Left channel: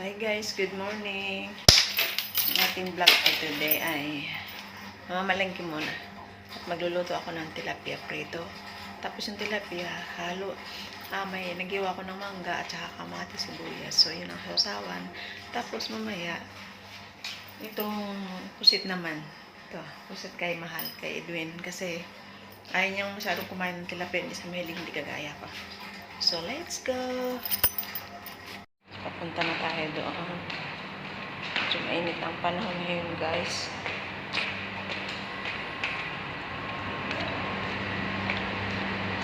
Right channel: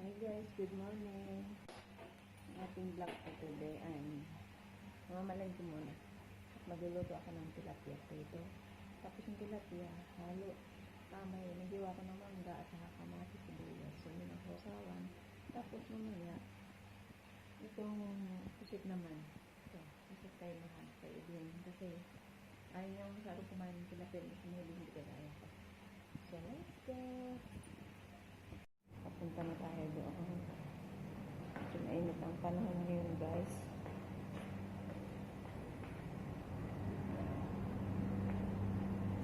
Hi guys, good morning. Ang ating vlog for today ay mamamalengke muna. At magluluto ako ng tilapia prito. Tapos yung tilapia, halo. May nagiwa ko ng mangga at saka kamatis, sibuyas. So yun ang sausawan. Tapos mamaya, itong pusit naman. Ito, pusit kay Mahal, kay Edwin. Kasi ayaw niyang masyadong kumain ng tilapia. Hindi sa mahilig, hindi kagaya ko. So let's go! Papunta na tayo doon. Medyo mainit ang panahon ngayon, guys.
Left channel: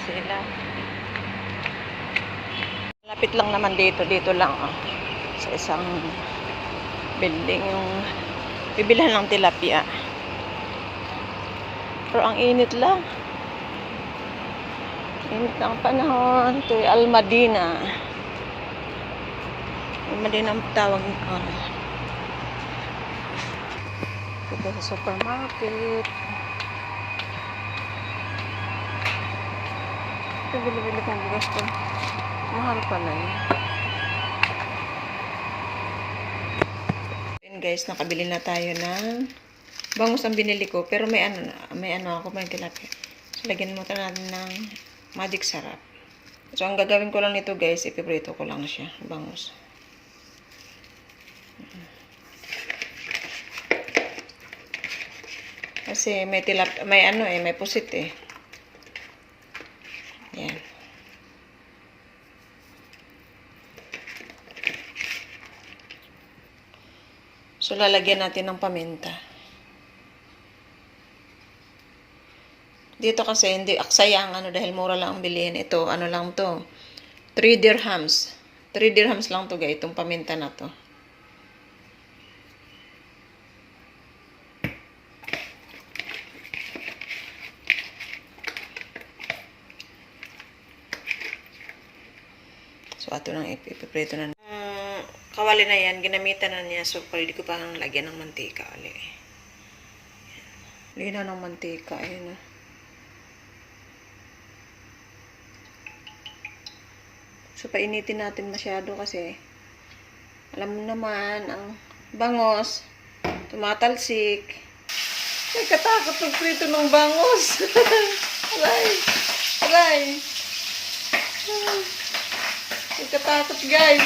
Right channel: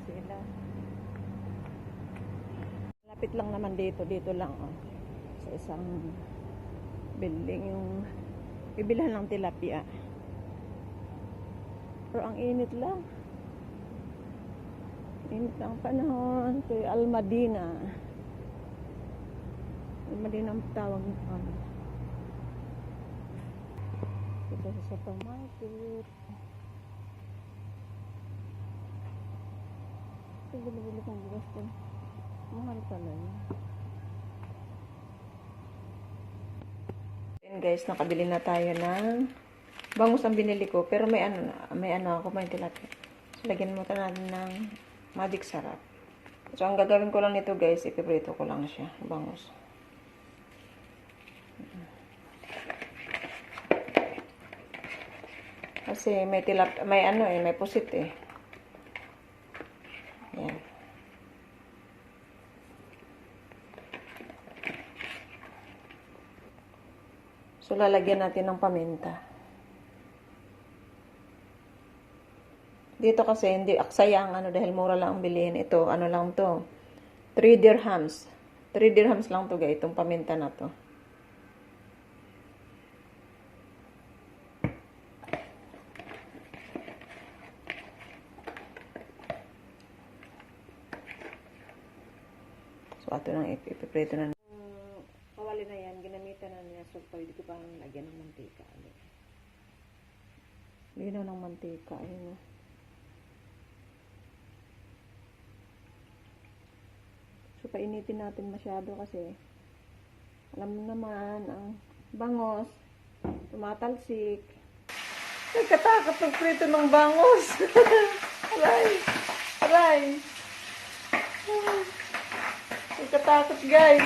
Sila. Lapit lang naman dito. Dito lang, sa isang building yung bibilhan ng tilapia. Pero ang init lang. Init ang panahon. Ito ay Almadina. Almadina ang tawag nito. Ito sa supermarket. Ito bili-bili kong bigas ko. Mahal pala yun. Then guys, nakabili na tayo ng bangus ang binili ko. Pero may ano ako, may tilapia. So, lagyan mo natin ng magic sarap. So, ang gagawin ko lang nito guys, ipiprito ko lang siya, bangus. Kasi may may pusit eh. Yan. So, lalagyan natin ng paminta. Dito kasi, hindi aksaya ang dahil mura lang ang bilihin. Ito, ano lang to. 3 dirhams. 3 dirhams lang to guys, itong paminta na to. So, ato nang ipiprito na. Kawali na yan, ginamitan na niya. So, pwede ko pang lagyan ng mantika ulit. Lagyan na ng mantika. Ayun na. So, painitin natin masyado kasi alam mo naman, ang bangos, tumatalsik. Nagkatakot magprito ng bangos. Aray! Aray! Nagkatakot guys.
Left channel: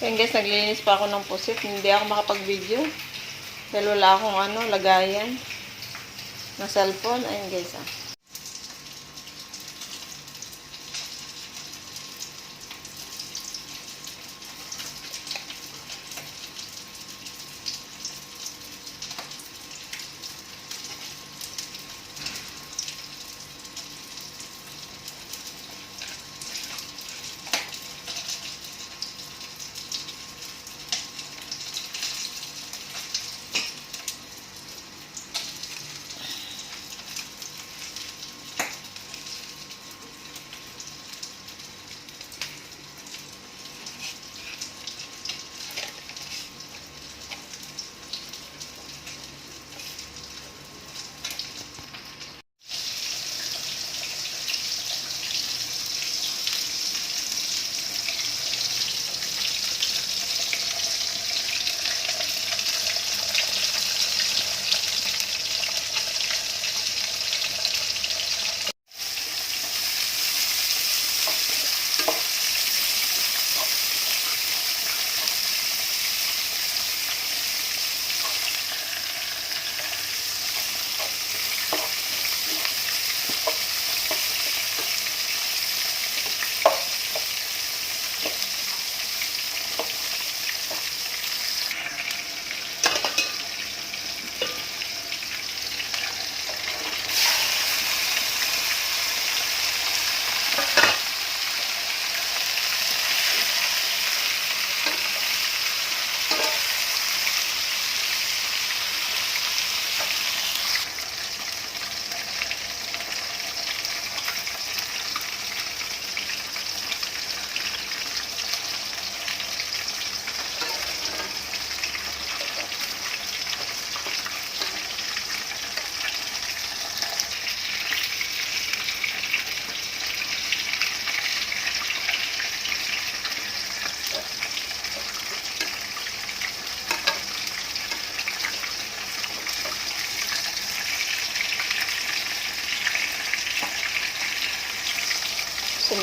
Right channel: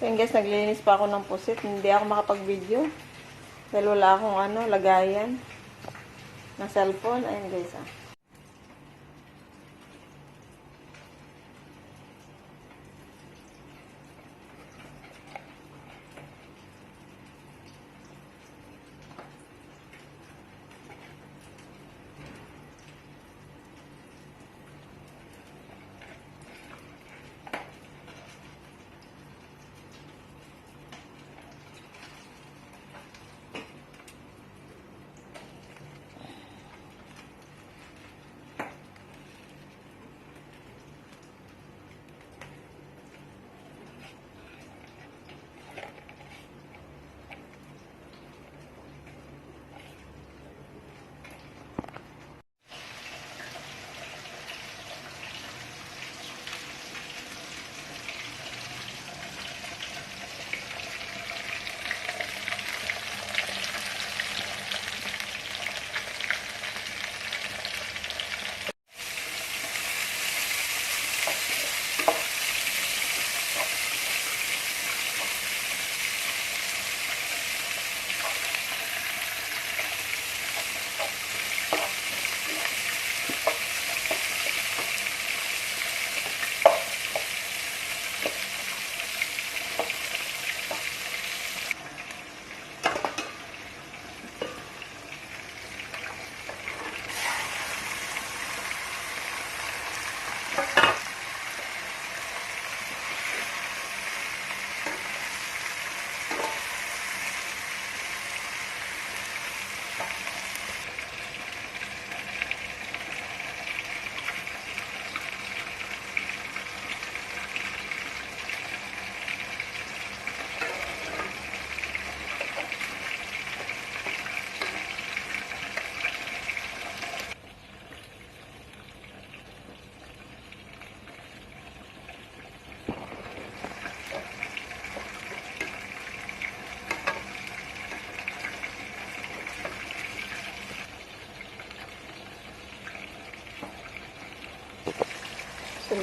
Kaya guys, naglilinis pa ako ng pusit. Hindi ako makapag-video. Dahil wala akong lagayan na cellphone. Ayun guys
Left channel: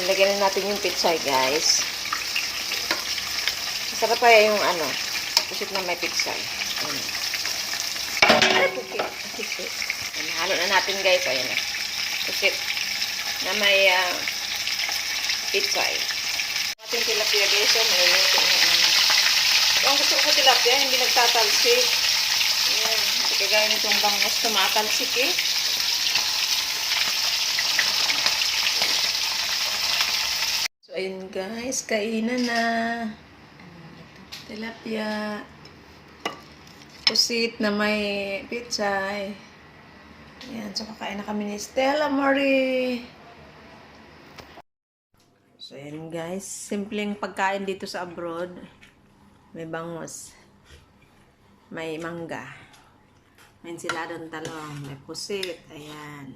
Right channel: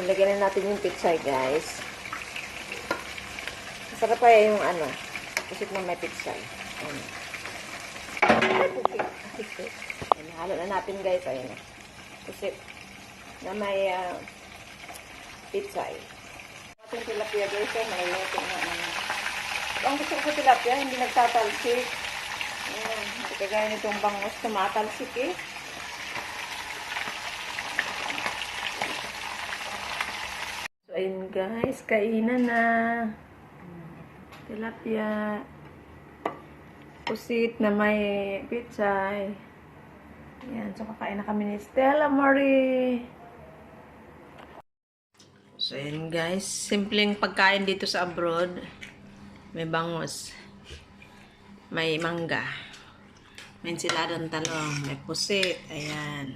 Lagyan na natin yung pitsay, guys. Masarap pa yung ano, pusit na may pitsay. Ayan. Ay, pusit. Ayan, halo na natin, guys. Ayan na. Pusit na may pitsay. Ating tilapia, guys. May luto na ano. Ang gusto ko sa tilapia, hindi nagtatalsik. Ayan. Hindi kagaya nitong bangus, tumatalsik eh. So, ayun guys, kainan na. Tilapia. Pusit na may pitsay. Ayan, so kakain na kami ni Stella Marie. So, ayun guys, simpleng pagkain dito sa abroad. May bangus. May mangga. May ensiladang talong. May pusit. Ayan.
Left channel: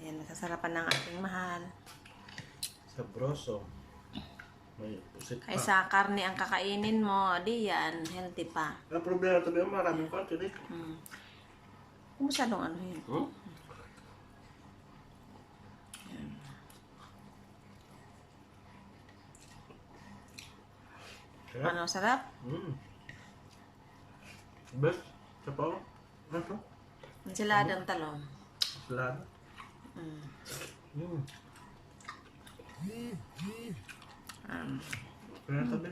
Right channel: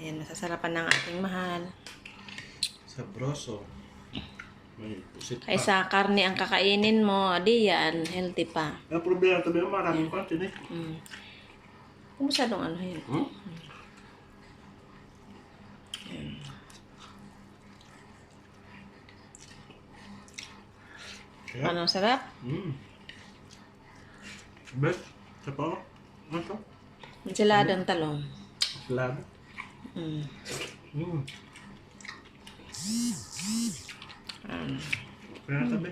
Ayan, masasarapan ng ating mahal. Sabroso. May pusit pa. Ay sa karne ang kakainin mo, di yan, healthy pa. Ang problema ito ba? Maraming konti eh. Kumusta dong ano yun? Kaya? Ano, sarap? Best. Sa pa ako? Ano to? Ensiladang talong. Salad. Kaya tabi.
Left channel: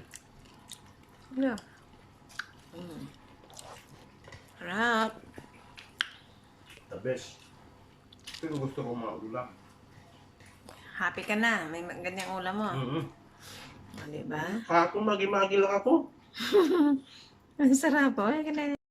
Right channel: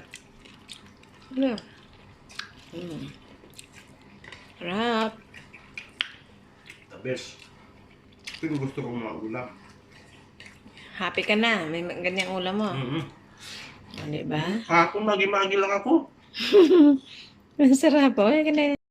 Ano? Sarap. The best. Ito yung gusto kong maulam. Happy ka na, may ganyang ulam mo. O, diba? Kahapon magi-magi lang ako. Ang sarap, oh.